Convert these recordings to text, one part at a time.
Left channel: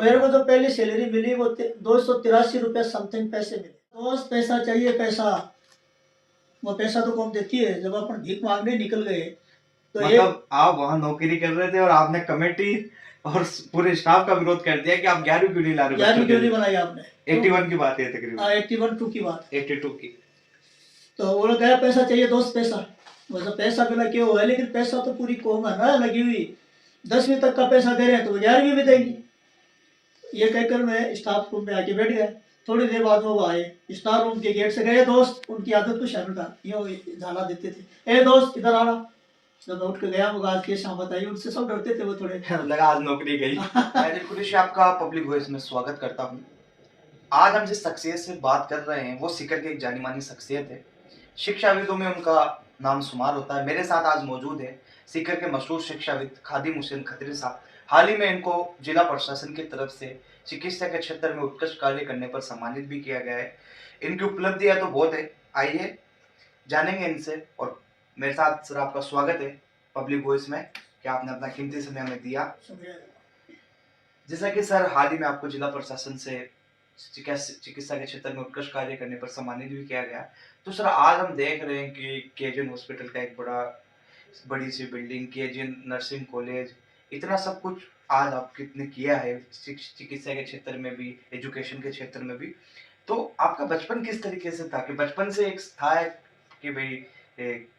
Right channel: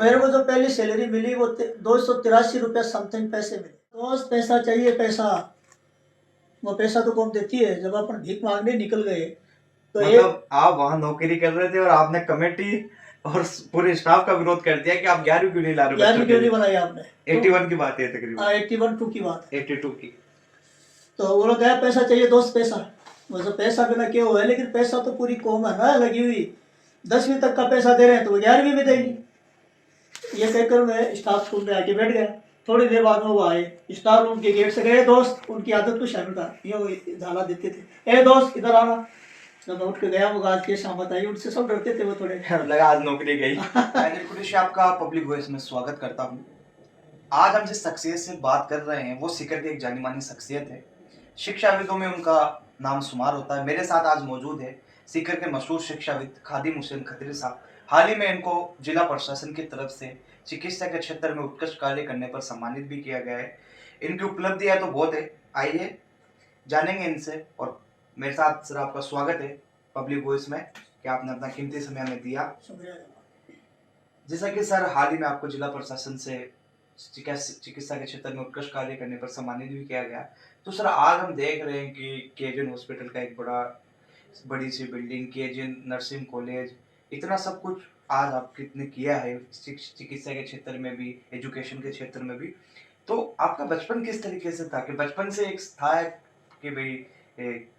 मेरे को जो पहली सैलरी मिली वो 283 रुपये समथिंग पैसे मिले। दोस्त पैसा चाहिए पैसा, वो पैसा तो कौन देती है। जब अपन भीख मांगने निकल गए तो मतलब आप वहाँ नौकरी कर रहे थे और आपने कमेटी और पूरे स्टाफ का विरोध कर दिया कि आप 11वीं क्यों नहीं ला रहे हो? 11वीं क्यों नहीं बनाई आपने? 81 की बात है तकरीबन। 81 की बात, 82 की। तो वो लोग कहा पैसा चाहिए दोस्त पैसा। वो जो पैसा बिना क्यों हुआ, लेकिन पैसा तो पूरी कौम है ना लगी हुई। 10वीं तक का पैसा दे रहे हैं तो वो 11वीं भी देंगी। ये कहकर मैं स्टाफ रूम में आके बैठ गया। थोड़ी देर बाद में वो आए, स्टाफ रूम के गेट से गए दोस्त, उनकी आदत तो शर्म का ये झाला देते थे, ए दोस्त इधर आना। जब मैं उठ के गया, वो आज के शामत आई, उनसे सब डरते थे वो थोड़े। लगा आज नौकरी गई। मैं दिलखुश से आपका पब्लिक वॉइस में स्वागत करता हूँ। आज हम जिस शख्सियत से बात कर रहे हैं वो सीकर की एक जानी मानी शख्सियत है। शिक्षाविदों में उनका नाम शुमार होता है। मेरे साथ आज मौजूद है सीकर के मशहूर शिक्षाविद खादिम हुसैन खत्री साहब। हाल ही में इनको जिला प्रशासन की तरफ से चिकित्सा के क्षेत्र में उत्कृष्ट कार्य करने पर सम्मानित भी किया गया है। इनकी उपलब्धियां तो बहुत है, आइए जानेंगे इनसे। और मेरे साथ सर आपका स्वागत है पब्लिक वॉइस में कि आपने अपना कीमती समय हमें दिया। जैसा कि सर हाल ही में आपको जिला प्रशासन से चिकित्सा के क्षेत्र में उत्कृष्ट कार्य करने पर सम्मानित भी किया गया। तो सर आज हम देख रहे हैं कि केजन हॉस्पिटल का एक बड़ी सी बिल्डिंग, केजन नर्सिंग कॉलेज, इतना सब कुछ आज आप कितने किया है चिकित्सा के क्षेत्र में भी, एजुकेशन के क्षेत्र में भी। तो आपका बचपन किस तरीके से था कि बचपन से एक था कि भाई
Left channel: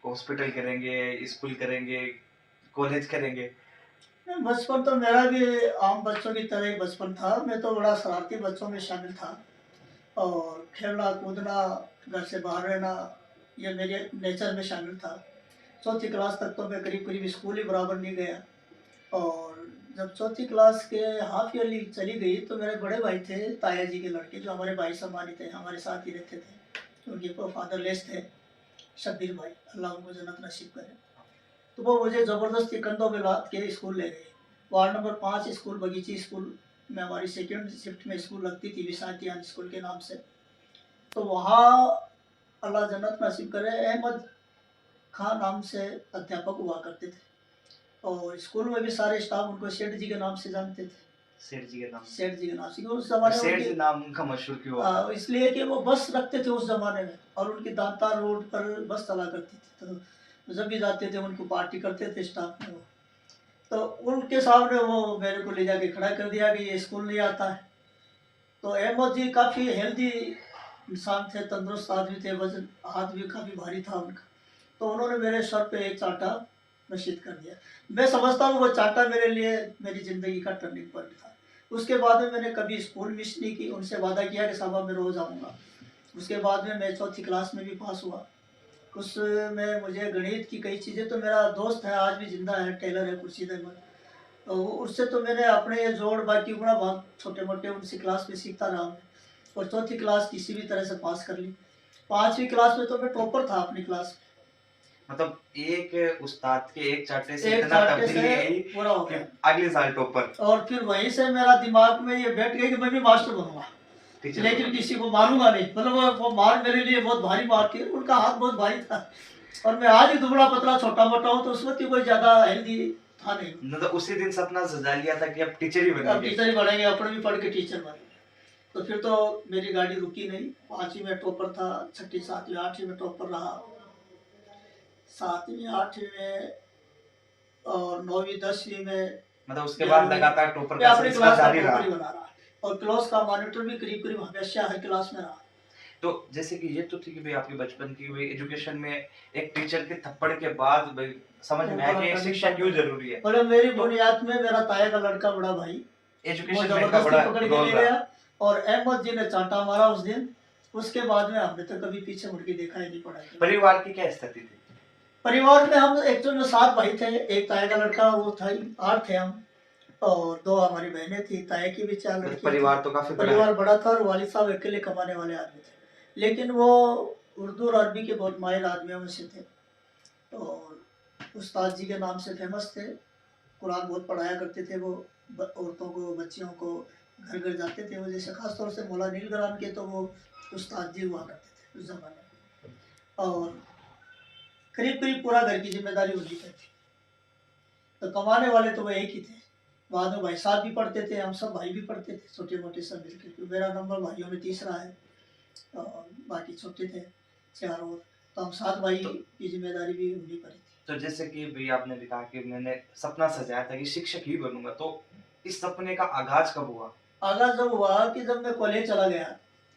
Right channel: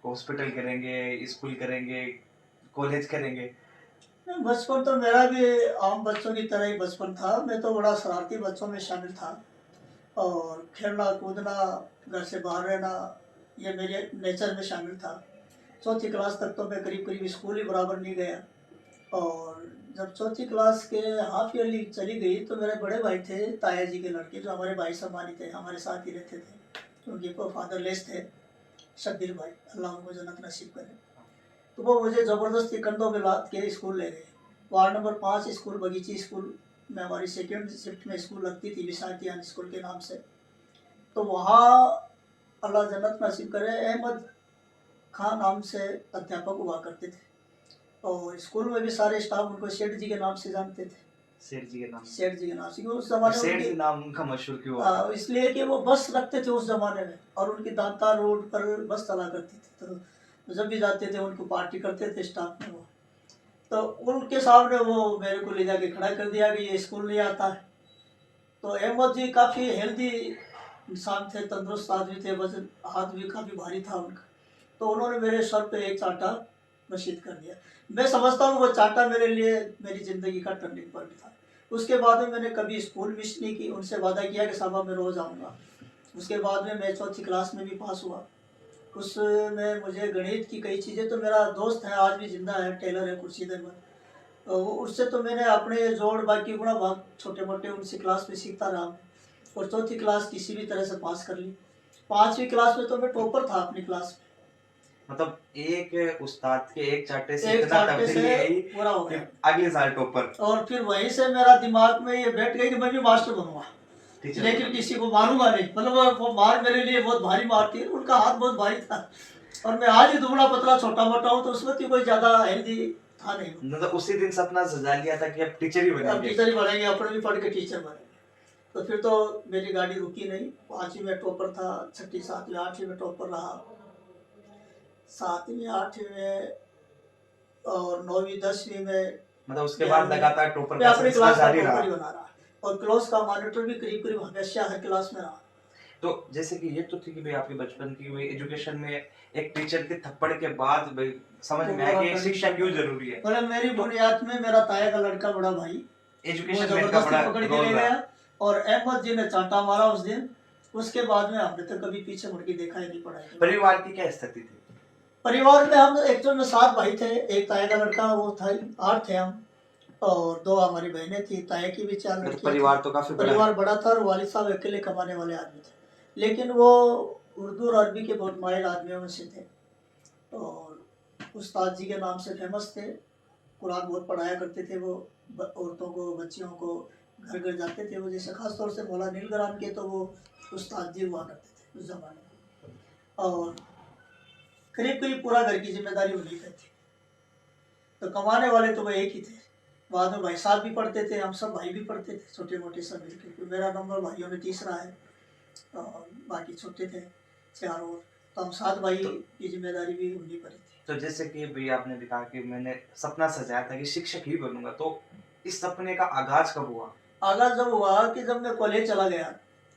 हॉस्पिटल करेंगे, स्कूल करेंगे, कॉलेज करेंगे? बचपन तो मेरा भी आम बच्चों की तरह ही बचपन था। मैं तो बड़ा शरारती बच्चों में शामिल था, और खेलना कूदना, घर से बाहर रहना, ये मेरे नेचर में शामिल था। चौथी क्लास तक तो मैं करीब करीब स्कूल ही बराबर नहीं गया। और जब चौथी क्लास के हाफ ईयरली चली गई तो मेरे बड़े भाई थे, ताया जी के लड़के, जो हमारे भाई सम्मानित थे, हमारे साथ ही रहते थे। उनके फादरलेस थे, शब्बीर भाई, अल्लाह उनको जन्नत नसीब करे। तो वो मुझे ज़बरदस्ती कंधों में लाद के स्कूल ले गए। वार्ड नंबर 5 स्कूल, बगीची स्कूल में हमारी सेकेंड शिफ्ट में स्कूल लगती थी, विशांतियान स्कूल के नाम से। तो वहाँ अल्लाह जन्नत नसीब करे, अहमद खान नाम से अध्यापक हुआ करते थे। और स्कूल में भी सारे स्टाफ उनको सेठ जी के नाम से जानते थे। सेठ जी के नाम? सेठ जी के नाम से, उस जमाने में सेठ जी नाम उनका मशहूर क्यों हुआ? इसलिए कि वो बस रखते थे उस जमाने में, और उनकी दांता रोड पर बस चला करती थी। तो जब भी जाते थे उनको पार्टी करते थे स्टाफ में वो। तो उनके सामने वो मेरे को ले जाके खड़ा कर दिया कि ये स्कूल नहीं आता है। तो अहमद जी काफ़ी हेल्दी इंसान थे, तंदुरुस्त आदमी थे, वजन हाथ भी काफ़ी भारी था उनका। तो उन्होंने मेरे सर पे एक चांटा नशीद कर दिया। मैं समझता हूँ वो चांटा मेरे लिए मेरी ज़िंदगी का टर्निंग पॉइंट था। उसके बाद में मैंने कभी स्कूल मिस नहीं की, उनसे वादा किया कि साहब मैं रोज़ आऊँगा। उसके बाद में मैं चौथी क्लास में भी पास हुआ। उसमें मुझे गणित की कई चीज़ें, तो मेरा दोस्त है आज भी ज़िंदा है, टेलर है खुर्शीद अहमद, तो उससे तो मैंने अपने जोड़ बाकी गुणा भाग छोटे मोटे उनसे क्लास में सीखता रहा मैं। और चौथी क्लास किसी भी तरह से पास कर ली। 5वीं क्लास में तो मैं टॉपर था अपनी क्लास में। मतलब एक उस्ताद के एक चांटे से एक इतना चांटे तब्दीली से आई पूरा हो कि गया। अगले साल टॉपर। और फिर वहीं से मेरा दिमाग में ये बैठ गया कि मैं भी मास्टर बनूंगा, लेकिन किसी को मारूंगा नहीं। मतलब वो मार मेरे लिए बहुत भारी मार थी, उनका हाथ बहुत भारी था। और मैं आज ही दुबला पतला छोटा मोटा हूँ, तो उस वक्त कोई ज़्यादा हेल्दी था नहीं। मतलब उसी दिन सपना सजा लिया था कि अब टीचर ही बनेंगे। टीचर ही बनेंगे, अपने भी पढ़ के टीचर बनेंगे। तो फिर तो मेरी गाड़ी रुकी नहीं। 5वीं में टॉपर था, 6ठी 7वीं 8वीं में टॉपर रहा, 7वीं 8वीं में, और 9वीं 10वीं में। मतलब उसके बाद लगातार टॉपर का अपनी सिलसिला क्लास का जारी टॉपर रहा। ही बना रहा, और क्लास का मॉनिटर भी करीब करीब हमेशा हर क्लास में रहा। तो जैसे कि ये तो थी कि भाई आपके बचपन की भाई एजुकेशन में एक टीचर के थप्पड़ के बाद भाई समझ में आया कि शिक्षा क्यों जरूरी है। मतलब मेरी बुनियाद में मेरा ताया का लड़का बड़ा भाई एजुकेशन में इनका बड़ा पकड़ के रोल ले रहा। गया, और अहमद जी ने चांटा मारा उस दिन। उसके बाद में हमने तो कभी पीछे मुड़ के देखा ही नहीं पड़ा। परिवार की क्या स्थिति थी? परिवार में हम एक्चुअल में 7 भाई थे, एक ताया का लड़का वो था, 8 थे हम, और 2 हमारी बहनें थी। ताया की भी 4 लड़कियां। परिवार तो काफी परिवार बड़ा था, और वालिद साहब अकेले कमाने वाले आदमी थे, लेकिन वो उर्दू और अरबी के बहुत माहिर आदमियों में से थे। और उस्ताद जी के नाम से फेमस थे, कुरान बहुत पढ़ाया करते थे वो, औरतों को बच्चियों को घर घर जाते थे वो। जैसे खास तौर से मौला नील ग्राम के तो वो उस्ताद जी हुआ करते थे उस ज़माने में। और करीब करीब पूरा घर की जिम्मेदारी उनकी पे थी। तो कमाने वाले तो वो एक ही थे, बाद में भाई साहब भी पढ़ते थे, हम सब भाई भी पढ़ते थे, छोटे मोटे सब मिलकर। तो मेरा नंबर भाइयों में तीसरा है और बाकी छोटे थे 4 और। तो हम 7 भाई की जिम्मेदारी भी उन्हीं पर ही थी। तो जैसे कि भाई आपने भी कहा कि मैंने सपना सजाया था कि शिक्षक ही बनूंगा, तो इस सपने का आगाज कब हुआ? आगाज़ जब हुआ कि जब मैं कॉलेज चला गया,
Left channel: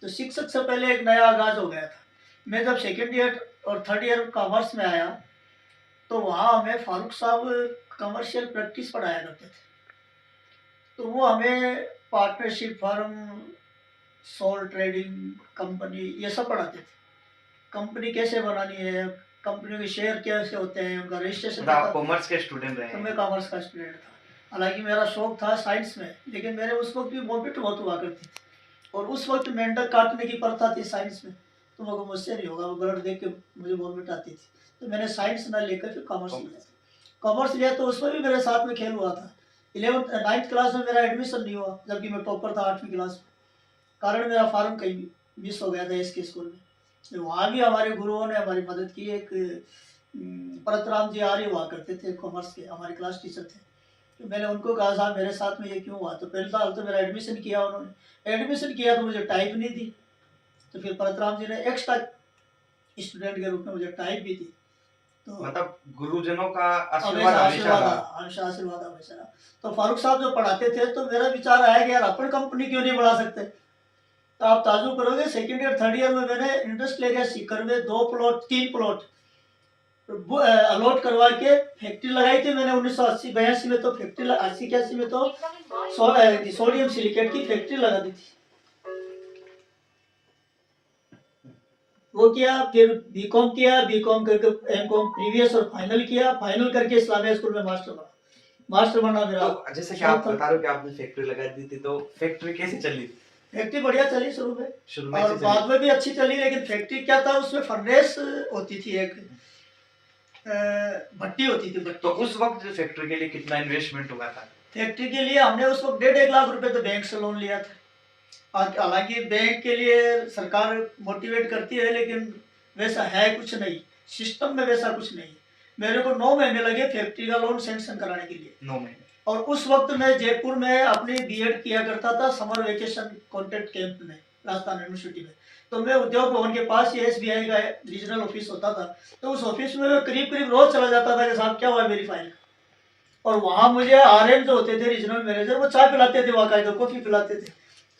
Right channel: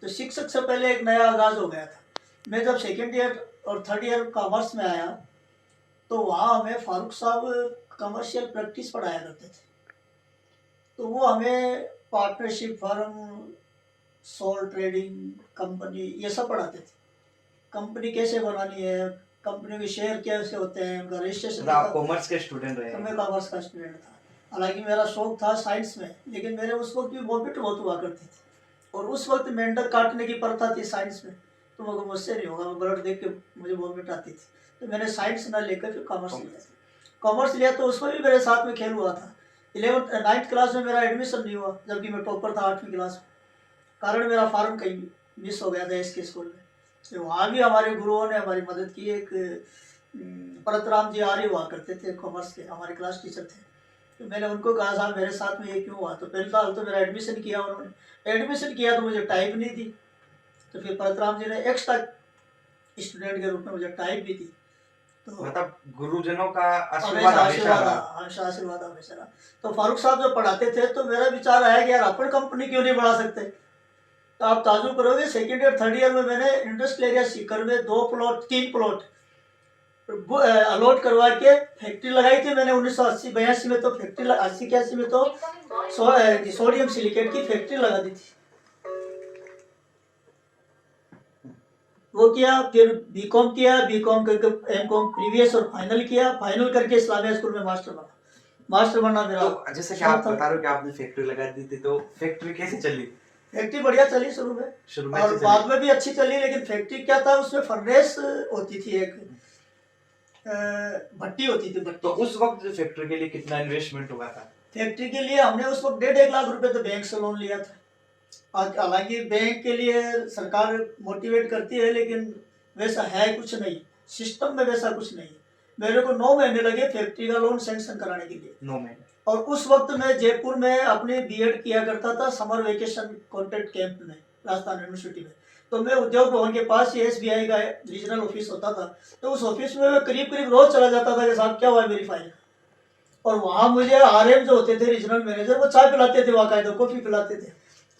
तो शिक्षक से पहले एक नया आगाज़ हो गया था। मैं जब सेकंड ईयर और थर्ड ईयर कॉमर्स में आया, तो वहाँ हमें फारूक साहब कमर्शियल प्रैक्टिस पढ़ाया करते थे। तो वो हमें partnership firm, sole trading company, ये सब पढ़ाते थे। कंपनी कैसे बनानी है, कंपनी के शेयर कैसे होते हैं, उनका रजिस्ट्रेशन। मतलब आप कॉमर्स के स्टूडेंट रहे तो हैं? मैं कॉमर्स का स्टूडेंट था। हालांकि मेरा शौक था साइंस में, लेकिन मेरे उस वक्त भी वॉमिट बहुत हुआ करती थी, और उस वक्त मेंढक काटने की प्रथा थी साइंस में। तो मगर मुझसे नहीं होगा, वो ब्लड देख के मुझे वॉमिट आती थी। तो मैंने साइंस ना लेकर फिर कॉमर्स लिया। कॉमर्स लिया तो उसमें भी मेरे साथ में खेल हुआ था। 9th क्लास में मेरा एडमिशन नहीं हुआ, जबकि मैं टॉपर था 8वीं क्लास में। कारण मेरा फार्म कहीं मिस हो गया था इसके स्कूल में। तो वहाँ भी हमारे गुरुओं ने हमारी मदद की। एक परतराम जी आर्य हुआ करते थे, कॉमर्स के हमारे क्लास टीचर थे। तो मैंने उनको कहा साहब मेरे साथ में ये क्यों हुआ? तो पहले साल तो मेरा एडमिशन किया उन्होंने। एडमिशन किया तो मुझे टाइप नहीं दी, तो फिर परतराम जी ने एक्स्ट्रा स्टूडेंट के रूप में मुझे टाइप भी दी। तो मतलब गुरुजनों का हमेशा आशीर्वाद हमेशा आशीर्वाद रहा। हमेशा आशीर्वाद हमेशा रहा। तो फारूक साहब जब पढ़ाते थे तो मेरा विचार आया कि यार अपन कंपनी क्यों नहीं बढ़ा सकते। तो आप ताजुब करोगे, सेकंड ईयर थर्ड ईयर में मैंने इंडस्ट्रियल एरिया सीकर में 3 प्लॉट अलॉट करवा के फैक्ट्री लगाई थी मैंने 1980-82 में। तो फैक्ट्री 80-81 में तो सोडियम सिलिकेट की फैक्ट्री लगा दी थी। वो किया, फिर बीकॉम किया, बीकॉम करके एमकॉम प्रीवियस और फाइनल किया। फाइनल करके इस्लामिया स्कूल में मास्टर बना। मास्टर बनना मेरा तो जैसे कि शौक आप था। बता रहे हो कि आपने फैक्ट्री लगा दी थी, तो फैक्ट्री कैसे चली? फैक्ट्री बढ़िया चली शुरू में, शुरू में और अच्छी बाद चली? में भी अच्छी चली। लेकिन फैक्ट्री क्या था, उसमें फर्नेस होती थी, एक भट्टी होती थी। तो उस वक्त जो फैक्ट्री के लिए कितना इन्वेस्टमेंट हुआ था? फैक्ट्री के लिए हमने उस वक्त 1.5 लाख रुपए तो बैंक से लोन लिया था। हालांकि बैंक के लिए सरकार मोटिवेट करती है, लेकिन वैसा है कुछ नहीं, सिस्टम में वैसा कुछ नहीं। मेरे को 9 महीने लगे फैक्ट्री का लोन सैंक्शन कराने के लिए। 9 महीने? और उस वक्त मैं जयपुर में अपनी बीएड किया करता था समर वेकेशन कॉन्ट्रैक्ट कैंप में, राजस्थान यूनिवर्सिटी में। तो मैं उद्योग भवन के पास ही एसबीआई का रीजनल ऑफिस होता था, तो उस ऑफिस में मैं करीब करीब रोज चला जाता था कि साहब क्या हुआ मेरी फाइल। और वहाँ मुझे आरएम जो होते थे रीजनल मैनेजर, वो चाय पिलाते थे, बाकायदा कॉफी पिलाते थे,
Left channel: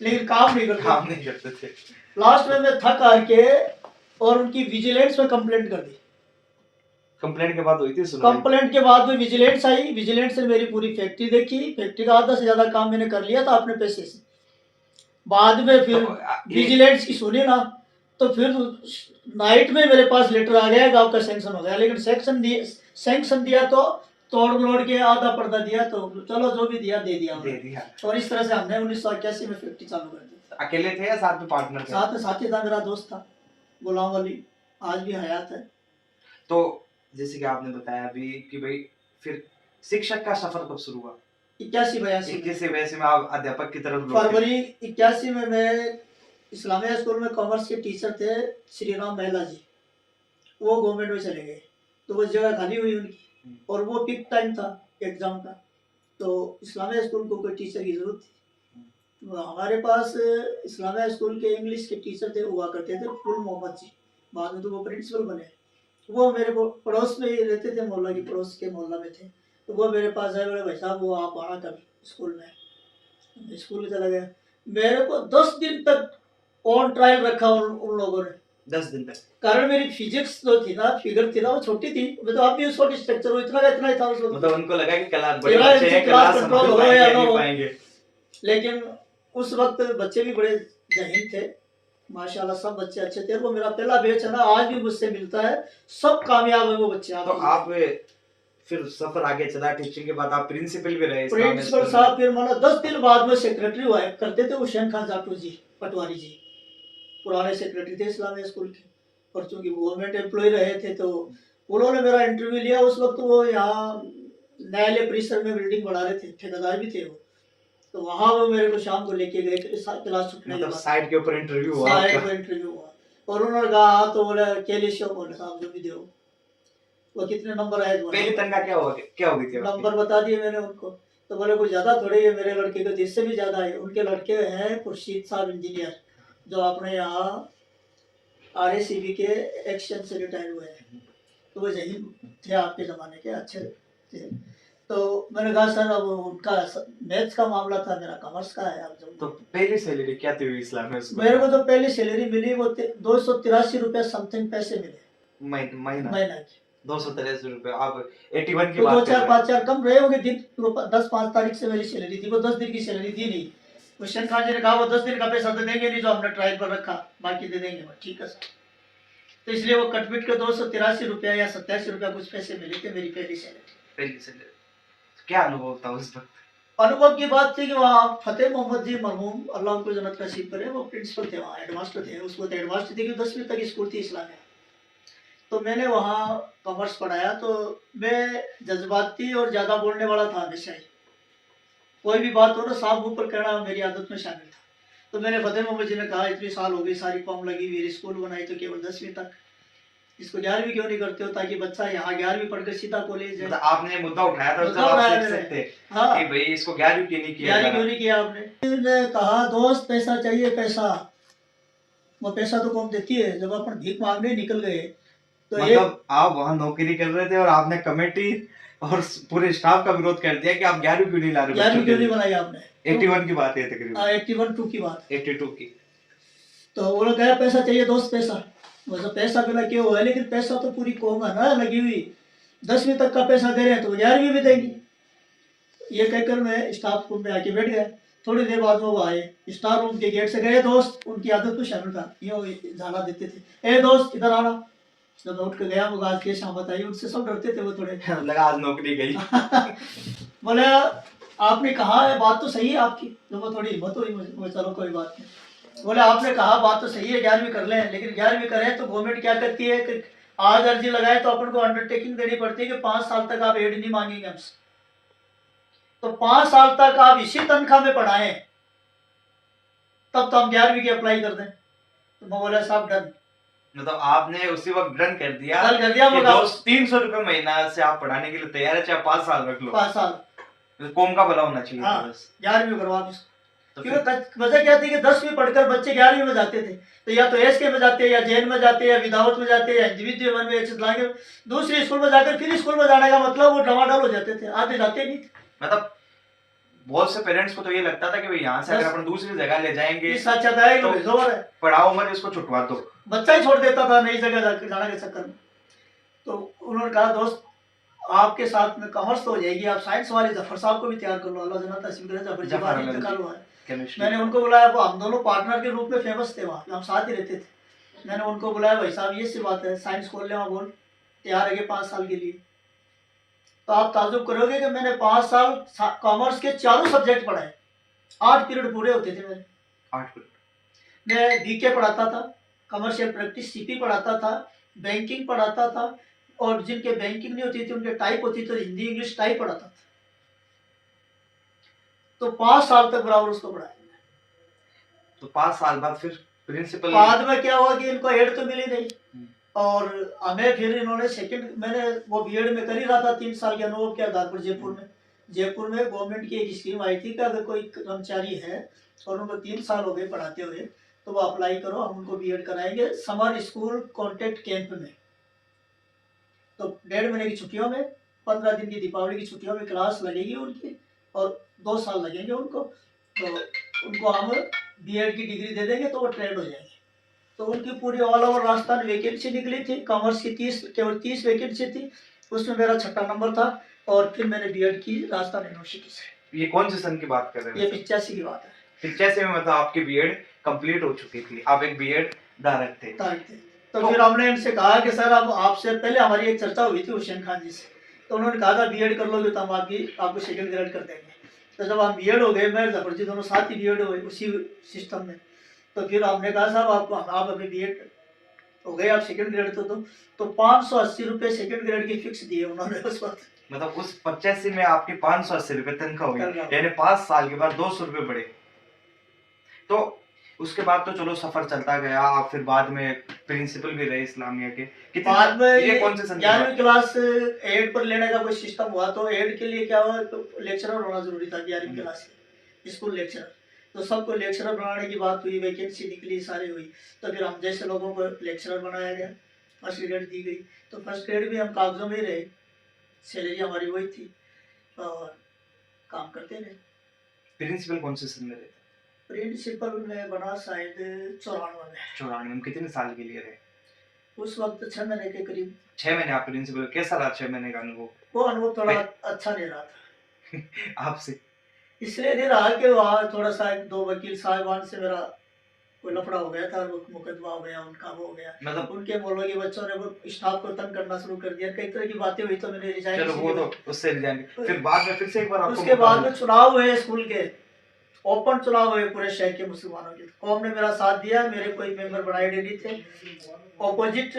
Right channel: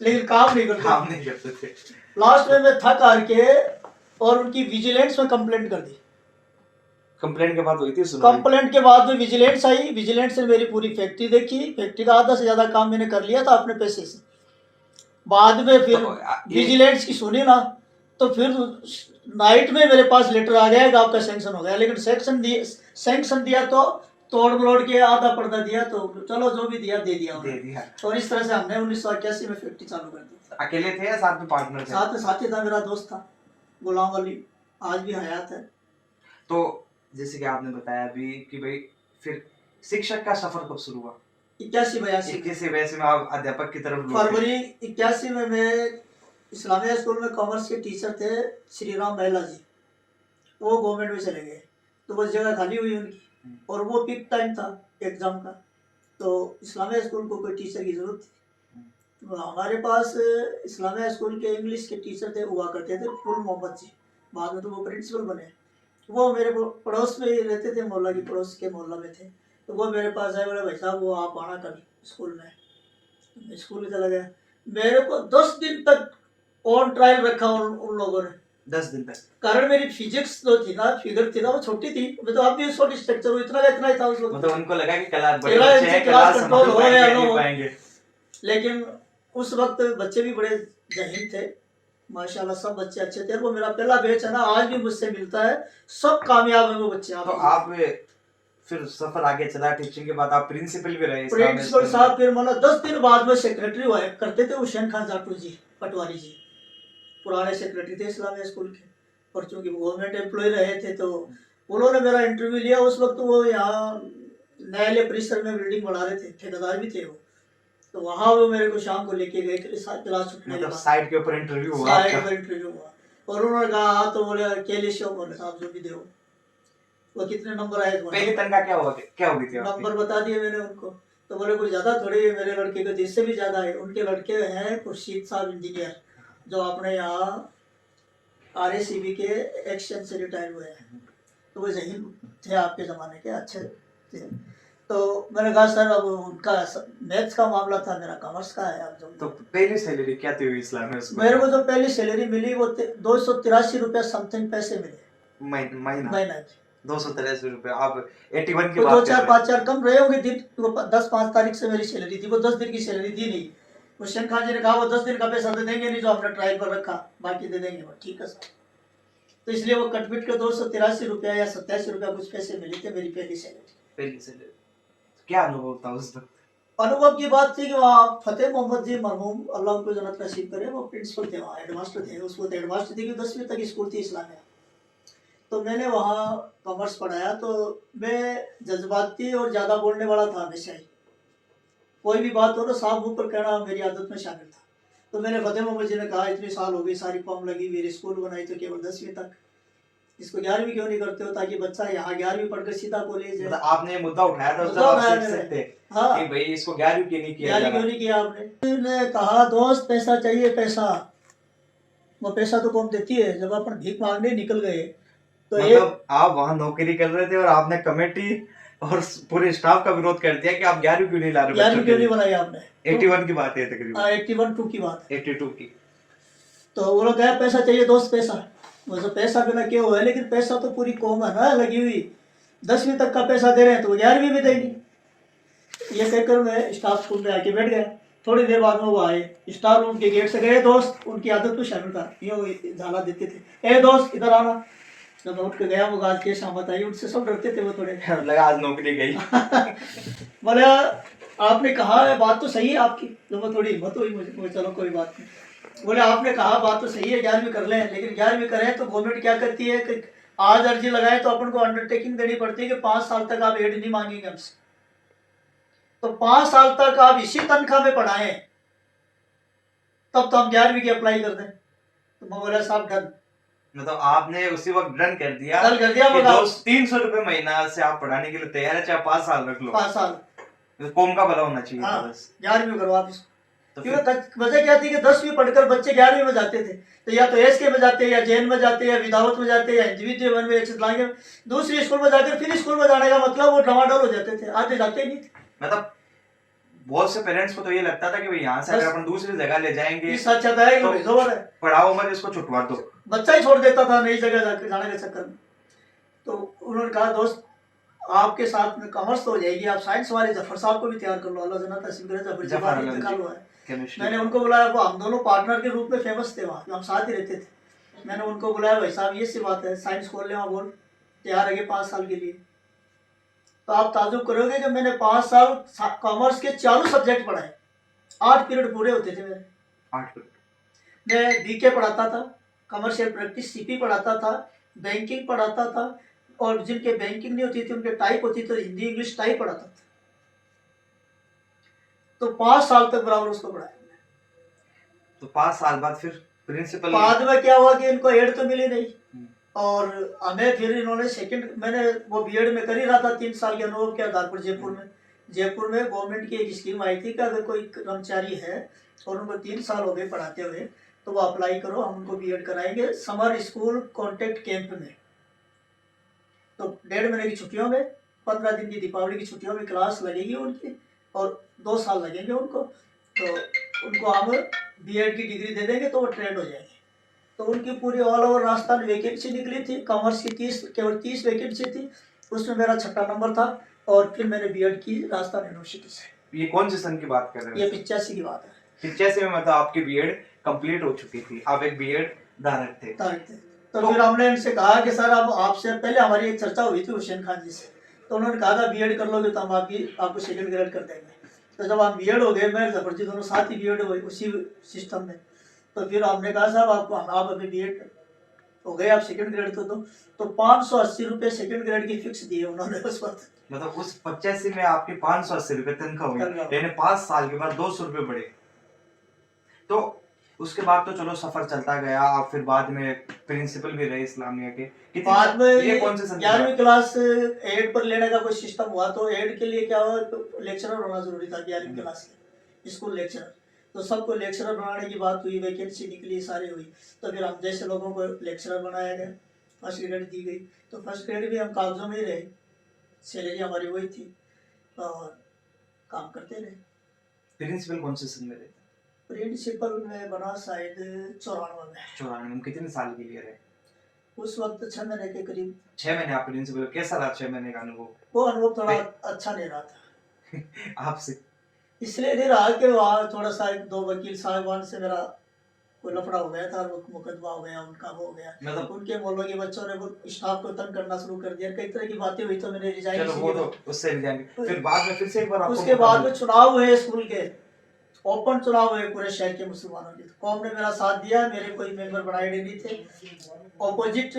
लेकिन काम नहीं करते थे। लास्ट में मैं थक हार के और उनकी विजिलेंस में कंप्लेंट कर दी। कंप्लेंट के बाद हुई थी सुनवाई? कंप्लेंट के बाद में विजिलेंस आई। विजिलेंस ने मेरी पूरी फैक्ट्री देखी। फैक्ट्री का आधा से ज्यादा काम मैंने कर लिया था अपने पैसे से। बाद में फिर तो विजिलेंस की सुनी ना, तो फिर नाइट में मेरे पास लेटर आ गया कि आपका सैंक्शन हो गया। लेकिन सैंक्शन दिया तो तोड़ मरोड़ के आधा पर्दा दिया, तो चलो जो भी दिया दे दिया। और इस तरह से हमने 1981 में फैक्ट्री चालू कर दी। अकेले थे या साथ में पार्टनर थे? साथ में साथी था, मेरा दोस्त था गुलाम अली, आज भी हयात है। तो जैसे कि आपने बताया अभी कि भाई फिर शिक्षक का सफर कब शुरू हुआ? 81-82 में आप अध्यापक की तरफ लौटे। फरवरी 81 में मैं इस्लामिया स्कूल में कॉमर्स के टीचर थे श्री राम महिला जी, वो गवर्नमेंट में चले गए, तो वो जगह खाली हुई उनकी। और वो पीक टाइम था एग्जाम का, तो इस्लामिया स्कूल को कोई टीचर की जरूरत थी। तो हमारे पास इस्लामिया स्कूल के इंग्लिश के टीचर थे, हुआ करते थे फुल मोहम्मद जी, बाद में तो वो प्रिंसिपल बने। वो मेरे पड़ोस में ही रहते थे, मोहल्ला की पड़ोस के मोहल्ला में थे। तो वो मेरे पास आए, बोले भाई साहब वो आप आना कर स्कूल में। स्कूल चला गया। मेरे को 10 दिन तक ऑन ट्रायल रखा उन लोगों ने। 10 दिन तक? कारण मेरी फिजिक्स जो थी ना, फिगर थी ना, वो छोटी थी। मैं तो अब भी उस वक्त स्ट्रक्चर हो इतना ही था उस वक्त। मतलब उनको लगा कि क्लास बड़े बच्चे हैं, क्लास कंट्रोल हो या ना हो, पाएंगे। लेकिन उस वक्त बच्चे भी बड़े जहीन थे माशाल्लाह, सब बच्चे अच्छे थे। वो मेरा पहला बैच है ना, आज भी मुझसे मिलता है, सब कामयाब है वो बच्चे। तो आप फिर सफर आगे चला, टीचिंग के बाद आप प्रिंसिपल भी रहे? प्रिंसिपल साहब फिर माना 10 दिन बाद में सेक्रेटरी हुआ करते थे हुसैन खान जाटू जी पटवारी जी, पुराने सेक्रेटरी थे इस्लामिया स्कूल के। और चूंकि गवर्नमेंट एम्प्लॉय रहे थे, तो उन्होंने मेरा इंटरव्यू लिया। उस वक्त वो यहाँ न्यायालय परिसर में बिल्डिंग बना रहे थे, ठेकेदार भी थे वो। तो वहाँ वो मेरे को शाम को लेके गए क्लास छुटने के बाद। साइड के ऊपर इंटरव्यू हुआ? साइड के ऊपर इंटरव्यू हुआ, और उन्होंने कहा हाँ, तो बोले केली शो, बोले साहब जो भी दो, वो कितने नंबर आए? पहली तनख्वाह क्या हो गई थी? नंबर बता दिए मैंने उनको। तो बोले कुछ ज़्यादा थोड़ी है मेरे लड़के को, जिससे भी ज़्यादा है। उनके लड़के हैं खुर्शीद साहब इंजीनियर, जो अपने यहाँ RACB के एक्शन से रिटायर हुए हैं। तो वो यही थे आपके ज़माने के, अच्छे थे। तो मैंने कहा सर अब उनका मैथ्स का मामला था, मेरा कॉमर्स का है। अब तो पहली सैलरी क्या थी इस्लाम में उसको? मेरे को जो पहली सैलरी मिली वो 283 रुपये समथिंग पैसे मिले महीना महीना की। 283 रुपए। आप 81 की तो बात दो कर चार रहे पाँच चार कम रहे होंगे दिन। वो 10-5 तारीख से मेरी सैलरी थी, वो 10 दिन की सैलरी दी नहीं। हुसैन खान जी ने कहा वो 10 दिन का पैसा तो देंगे नहीं जो हमने ट्रायल पर रखा, बाकी दे देंगे। ठीक है सर। तो इसलिए वो कटपिट के 283 रुपया या 87 रुपया कुछ पैसे मिले थे मेरी पहली सैलरी। पहली सैलरी। क्या अनुभव था उस वक्त? अनुभव की बात थी कि वहाँ फतेह मोहम्मद जी मरहूम, अल्लाह उनको जन्नत नसीब करे, वो प्रिंसिपल थे वहाँ, हेडमास्टर थे। उसको तो हेडमास्टर थी कि 10वीं तक स्कूल थी इस्लामिया। तो मैंने वहाँ कॉमर्स पढ़ाया। तो मैं जज्बाती और ज़्यादा बोलने वाला था हमेशा ही। कोई भी बात हो ना साफ मुंह पर कहना मेरी आदत में शामिल था। तो मैंने फतेह मोहम्मद जी ने कहा इतनी साल हो गई, सारी फॉर्म लगी हुई, स्कूल बनाई तो केवल 10वीं तक, इसको 11वीं क्यों नहीं करते हो, ताकि बच्चा यहाँ 11वीं पढ़कर सीधा कॉलेज है। मतलब आपने मुद्दा उठाया था जब मुद्दा आप उठाया शिक्षक मैंने। थे हाँ, कि भाई इसको 11वीं क्यों नहीं किया जा 11वीं रहा? क्यों नहीं किया आपने? ने कहा दोस्त पैसा चाहिए पैसा। वो पैसा तो कौन देती है, जब अपन भीख मांगने निकल गए तो एक मतलब आप वहाँ नौकरी कर रहे थे और आपने कमेटी और पूरे स्टाफ का विरोध कर दिया कि आप 11वीं क्यों नहीं ला रहे? 11वीं क्यों नहीं बनाई आपने? 81 की बात है तकरीबन। 81-2 की बात। 82 की। तो वो लोग कह पैसा चाहिए दोस्त पैसा। वो जो पैसा बिना क्यों हुआ है, लेकिन पैसा तो पूरी कौम है ना लगी हुई। 10वीं तक का पैसा दे रहे हैं तो 11वीं भी देंगे। ये कहकर मैं स्टाफ रूम में आके बैठ गया। थोड़ी देर बाद में वो आए, स्टाफ रूम के गेट से गए दोस्त, उनकी आदत तो शामिल था, यूँ झाला देते थे, ए दोस्त इधर आना। जब मैं उठ के गया वो आज के शामत आई, उनसे सब डरते थे वो थोड़े। लगा आज नौकरी गई। बोले आपने कहा है बात तो सही है आपकी, तो वो थोड़ी हिम्मत हुई मुझे, चलो कोई बात नहीं। बोले आपने कहा बात तो सही है 11वीं कर लें, लेकिन 11वीं करें तो गवर्नमेंट क्या करती है कि आज अर्जी लगाए तो अपन को अंडरटेकिंग देनी पड़ती है कि 5 साल तक आप एड नहीं मांगेंगे हमसे। तो 5 साल तक आप इसी तनख्वाह में पढ़ाएं तब तो हम 11वीं की अप्लाई कर दें। तो मैं बोला साहब डन। मतलब आपने उसी वक्त डन कर दिया डन कर दिया। कि दोस्त 300 रुपए महीना से आप पढ़ाने के लिए तैयार है, चाहे 5 साल रख लो। 5 साल कौम का भला होना चाहिए। हाँ, बस 11वीं करवा आप इसको। तो क्योंकि वजह क्या थी कि 10वीं पढ़कर बच्चे 11वीं में जाते थे, तो या तो एसके में जाते, या जैन में जाते, या विदाउट में जाते, या इंडिविजुअल में लाएंगे। दूसरी स्कूल में जाकर फिर स्कूल में जाने का मतलब वो डमाडोल हो जाते थे, आधे जाते नहीं थे। मतलब बहुत से पेरेंट्स को तो ये लगता था कि भाई यहाँ से अगर अपन दूसरी जगह ले जाएंगे इस अच्छा था तो भेजो है, पढ़ाओ मत, इसको छुटवा दो। बच्चा ही छोड़ देता था नई जगह जाने के चक्कर में। तो उन्होंने कहा दोस्त आपके साथ में कॉमर्स तो हो जाएगी, आप साइंस वाले जफर साहब को भी तैयार कर लो, अल्लाह जन्नत नसीब करे। जफर जी बाद इंतकाल हुआ है। मैंने उनको बुलाया, वो हम दोनों पार्टनर के रूप में फेमस थे वहाँ, हम साथ ही रहते थे। मैंने उनको बुलाया, भाई साहब ये सी बात है, साइंस खोल ले, वहाँ बोल तैयार है 5 साल के लिए। तो आप ताजुब करोगे कि मैंने 5 साल कॉमर्स के चारों सब्जेक्ट पढ़ाए, 8 पीरियड पूरे होते थे मेरे। 8 पीरियड। मैं बीके पढ़ाता था, कमर्शियल प्रैक्टिस सीपी पढ़ाता था, बैंकिंग पढ़ाता था, और जिनके बैंकिंग नहीं होती थी उनके टाइप होती थी, तो हिंदी इंग्लिश टाइप पढ़ाता था। तो 5 साल तक बराबर उसको पढ़ाया। तो 5 साल बाद फिर प्रिंसिपल बाद में क्या हुआ कि इनको एड तो मिली नहीं, और हमें फिर इन्होंने सेकंड, मैंने वो बीएड में कर ही रहा था 3 साल के अनुभव के आधार पर। जयपुर में गवर्नमेंट की एक स्कीम आई थी कि अगर कोई कर्मचारी है और उनको 3 साल हो गए पढ़ाते हुए तो वो अप्लाई करो, हम उनको बीएड कराएंगे समर स्कूल कॉन्टेक्ट कैंप में। तो 1.5 महीने की छुट्टियों में, 15 दिन की दीपावली की छुट्टियों में क्लास लगेगी उनकी, और 2 साल लगेंगे उनको। तो उनको हम बीएड की डिग्री दे देंगे तो वो ट्रेंड हो जाएंगे। तो उनकी पूरी ऑल ओवर राजस्थान वैकेंसी निकली थी, कॉमर्स की केवल 30 वैकेंसी थी, उसमें मेरा 6ठा नंबर था। और फिर मैंने बीएड की राजस्थान यूनिवर्सिटी से। ये कौन से सन की बात कर रहे हैं? ये 85 की बात है। 85 में मतलब आपकी बीएड कंप्लीट हो चुकी थी, आप एक बीएड धारक थे। तो फिर हमने इनसे कहा कि सर अब आपसे पहले हमारी एक चर्चा हुई थी हुसैन खान जी से, तो उन्होंने कहा था बीएड कर लोगे तो हम आपको सेकंड ग्रेड कर देंगे। तो जब हम बीएड हो गए, मैं जफर जी दोनों साथ ही बीएड हुए उसी सिस्टम में। तो फिर हमने कहा साहब आप अभी बीएड हो गए, आप सेकंड ग्रेड तो 580 रुपये सेकंड ग्रेड की फिक्स दिए उन्होंने उस वक्त। मतलब उस 85 में आपकी 580 रुपये तनख्वाह हुई, यानी 5 साल के बाद 200 रुपये बढ़े। तो उसके बाद तो चलो सफर चलता गया, आप फिर बाद में प्रिंसिपल भी रहे इस्लामिया के। बाद में ये कौन से सन की बात? 11वीं क्लास एड पर लेने का कोई सिस्टम हुआ, तो एड के लिए क्या हुआ, तो लेक्चरर होना जरूरी था 11वीं क्लास के, स्कूल लेक्चरर। तो सबको लेक्चरर बनाने की बात हुई, वैकेंसी निकली, सारी हुई। तो फिर हम जैसे लोगों को लेक्चरर बनाया गया, फर्स्ट ग्रेड दी गई। तो फर्स्ट ग्रेड भी हम कागजों में ही रहे, सैलरी हमारी वही थी और काम करते रहे। प्रिंसिपल कौन से सन में रहे? प्रिंसिपल में बना शायद 94 में। 94 में। कितने साल के लिए रहे? उस वक्त 6 महीने के करीब। 6 महीने आप प्रिंसिपल। कैसा रहा 6 महीने का अनुभव? वो अनुभव थोड़ा अच्छा नहीं रहा था। आपसे इसलिए नहीं रहा कि वहाँ थोड़ा सा 2 वकील साहिबान से मेरा कोई लफड़ा हो गया था, वो मुकदमा हो गया उनका, वो हो गया। मतलब उनके मौलवी बच्चों ने वो स्टाफ को तंग करना शुरू कर दिया, कई तरह की बातें हुई, तो मैंने रिजाइन। चलो वो तो उससे रिजाइन। फिर बाद में फिर से एक बार आपको उसके बाद में चुनाव हुए स्कूल के, ओपन चुनाव हुए पूरे शहर के मुसलमानों के। कौम ने मेरा साथ दिया, मेरे कोई मेंबर बनाए नहीं थे। ऑपोजिट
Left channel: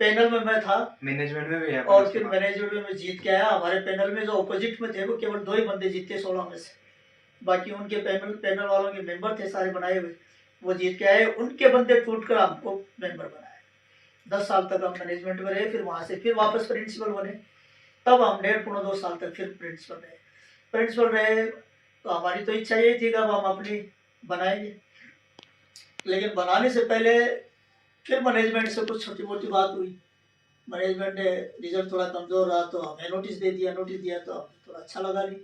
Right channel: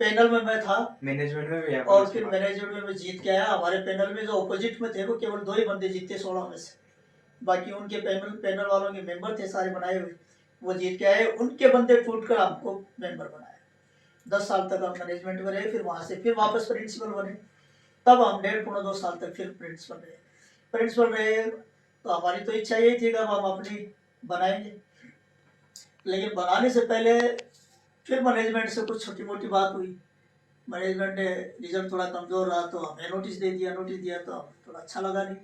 पैनल में मैं था, मैनेजमेंट में भी है। और फिर मैनेजमेंट में मैं जीत के आया। हमारे पैनल में जो ऑपोजिट में थे वो केवल 2 ही बंदे जीते 16 में से, बाकी उनके पैनल वालों के मेंबर थे सारे बनाए हुए, वो जीत के आए। उनके बंदे टूट कर हमको मेंबर बनाए। 10 साल तक हम मैनेजमेंट में रहे, फिर वहाँ से फिर वापस प्रिंसिपल बने। तब हम 1.5-2 साल तक फिर प्रिंसिपल रहे। तो हमारी तो इच्छा यही थी कि अब हम अपनी बनाएंगे, लेकिन बनाने से पहले फिर मैनेजमेंट से कुछ छोटी मोटी बात हुई। मैनेजमेंट ने रिजल्ट थोड़ा कमज़ोर रहा तो हमें नोटिस दिया तो हमें थोड़ा अच्छा लगा नहीं।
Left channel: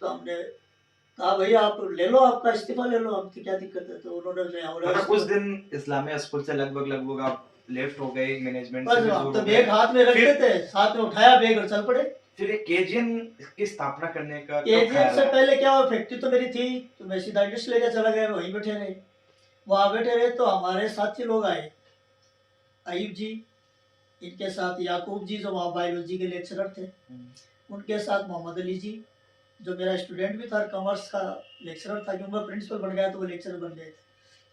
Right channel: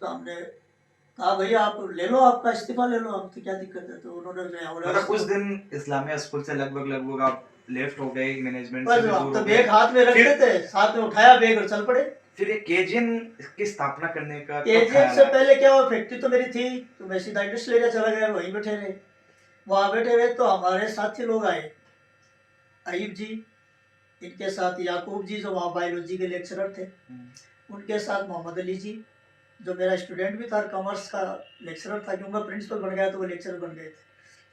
तो हमने कहा भैया आप ले लो, आपका इस्तीफा ले लो, अब तो क्या दिक्कत है। तो उन्होंने मतलब उस दिन इस्लामिया स्कूल से लगभग आप लेफ्ट हो गए, मैनेजमेंट से भी दूर दूर हो गए। हो तो बैग हाथ में रखते थे, साथ में उठाया बैग और चल पड़े। फिर ये केजीएन की स्थापना करने का केजीएन से पहले क्या हुआ, फैक्ट्री तो मेरी थी, तो मैं सीधा इंडस्ट्रियल एरिया चला गया, वहीं बैठे रहे। वहाँ बैठे रहे तो हमारे साथी लोग आए, अयूब जी, इनके साथ याकूब जी जो वहाँ बायोलॉजी के लेक्चरर थे, उनके साथ मोहम्मद अली जी जो मेरा स्टूडेंट भी था, कॉमर्स का लेक्चरर था, क्योंकि प्रिंसिपल बन गया तो वो लेक्चरर बन गए थे।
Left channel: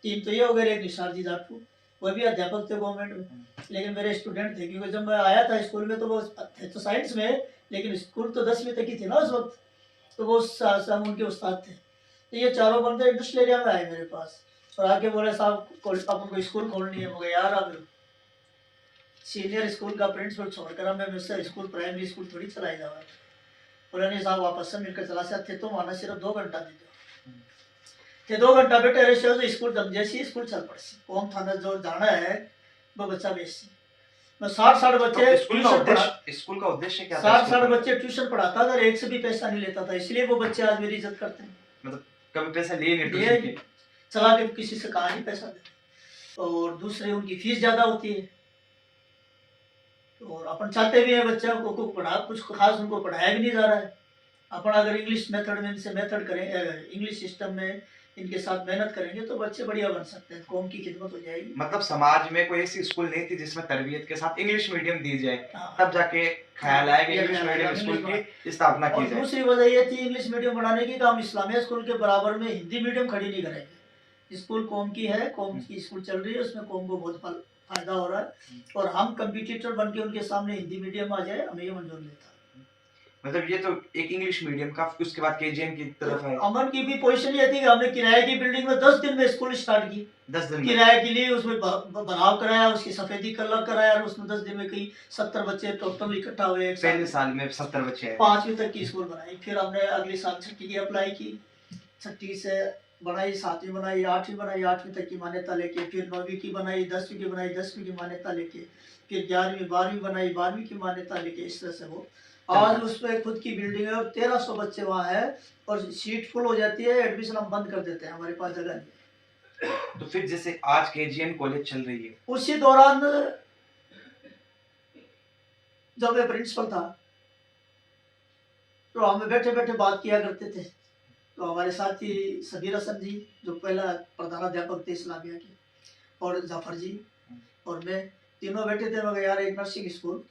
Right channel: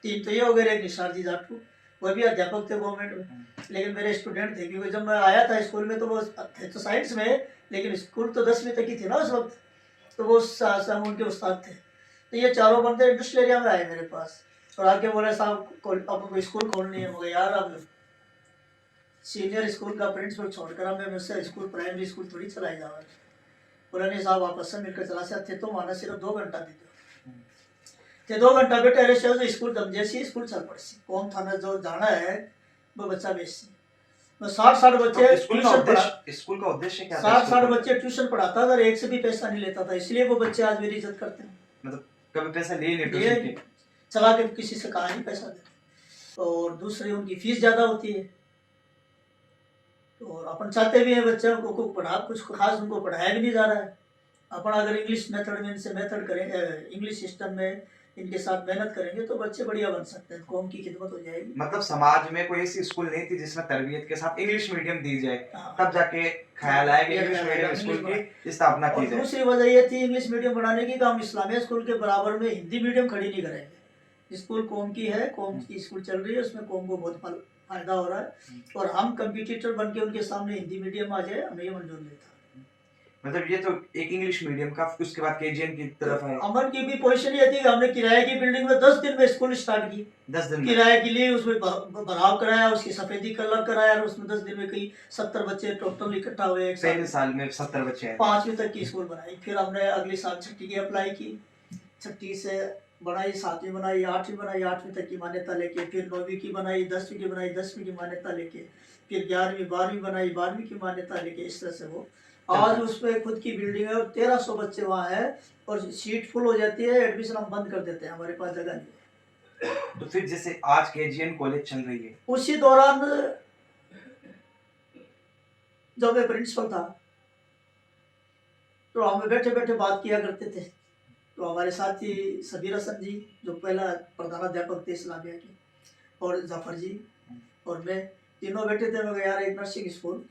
3 तो ये हो गए। एक निशार जी जाटू, वो भी अध्यापक थे गवर्नमेंट में, लेकिन मेरे स्टूडेंट थे, क्योंकि जब मैं आया था स्कूल में तो वो थे तो साइंस में, लेकिन स्कूल तो 10वीं तक ही थी ना उस वक्त, तो वो हम उनके उस्ताद थे। तो ये चारों बंदे इंडस्ट्रियल एरिया में आए मेरे पास और आके बोले साहब अपन को स्कूल खोलनी है। मुझे यार अब सीनियर स्कूल का प्रिंसिपल छोड़कर हमें मुझसे स्कूल प्राइमरी स्कूल थोड़ी चलाई जावा। बोले नहीं साहब आपस में मिलकर चला सकते, तो माना सिर्फ 2 घंटा दे दो। ते 2 घंटा बेटे रहे जो स्कूल दम जैसी स्कूल चल पड़सी, कौन थाना जो जाना है वो बच्चा बेसी। मैं 60 बच्चे तो स्कूल का उद्देश्य क्या था? 60 बच्चे ट्यूशन पढ़ाता था, एक से भी पैसा नहीं लेता था, इसलिए वो बच्चे आज मेरी इज्जत करते हैं। मतलब कभी पैसा लिए नहीं ट्यूशन के? चला के किसी से कहा नहीं पैसा दे। और दूसरे उनकी फीस ज़्यादा होती है, और अपन चाहते भी हैं बच्चों को पढ़ा, कुछ खास उनको पढ़ाया भी नहीं जा रहा है। अपन अगर इंग्लिश मेथड में इनसे मेथड करेंगे, इंग्लिश सिस्टम में इनके साथ मेहनत करेंगे तो बच्चे बढ़िया बन सकते हैं, कौम की खिदमत हो जाएगी। मतलब समाज में कोई ऐसी स्कूल नहीं थी जिसमें तरबियत के साथ इंग्लिश मीडियम दी जाए, तब जाके ख्याल आया कि इंग्लिश मीडियम स्कूल की स्थापना की जाए। दूसरी वजह ये थी इंग्लिश मीडियम बनाने की कि हम इस्लामिया स्कूल के बराबर में हिंदी मीडियम खड़ी नहीं करेंगे। स्कूल कौम की है, कौम की स्कूल चल रही है, उसमें कौम को बहुत फायदा हो रहा है, और हम कंपटीटर बन के उनके सामने हिंदी मीडियम आ जाए, हमें ये मंजूर नहीं था। मतलब ये तो एक इंग्लिश मीडियम का, उसके बाद केजीएन की तरफ है। अमन की भी पोजीशन ये थी कि हमने किराए की बिल्डिंग में 10 दिन में स्कूल स्टार्ट की। 10 दिन किराए के लिए उसमें भराव कराया, उसकी सफेदी कलर कराया, और उसमें 10 दिन में कई 70 बच्चे टोटल इकट्ठा हुए। पहले साल में 70 बच्चे हैं। 5वीं तक की स्कूल बनाई। फिर हमने अगले साल 6ठी की अप्लाई की, 6ठी से बनाई, 7वीं बनाई, 8वीं बनाई, 8वीं तक की मान्यता लेके, फिर 9वीं की बनाई, 10वीं की बनाई, 10वीं की मान्यता लेके, फिर 11वीं 12वीं बनाई, 12वीं की मान्यता लेके, इस तरह से वो आज उस पर खुद की बिल्डिंग है और 1300 बच्चे वहाँ है, और सीट फुल हो जाती है, एडमिशन हम बंद कर देते हैं, हमारे पास जगह नहीं है। तो फिर जैसे आज केजीएन कॉलेज चल रही है, उसी दौरान जब मैं प्रिंसिपल था तो हम बैठे बैठे बात किया करते थे। तो हमारे साथी सबीर हसन जी जो पहला प्रधानाध्यापक थे इस्लामिया के, और जफर जी और मैं, तीनों बैठे थे। मगर यार एक नर्सिंग स्कूल,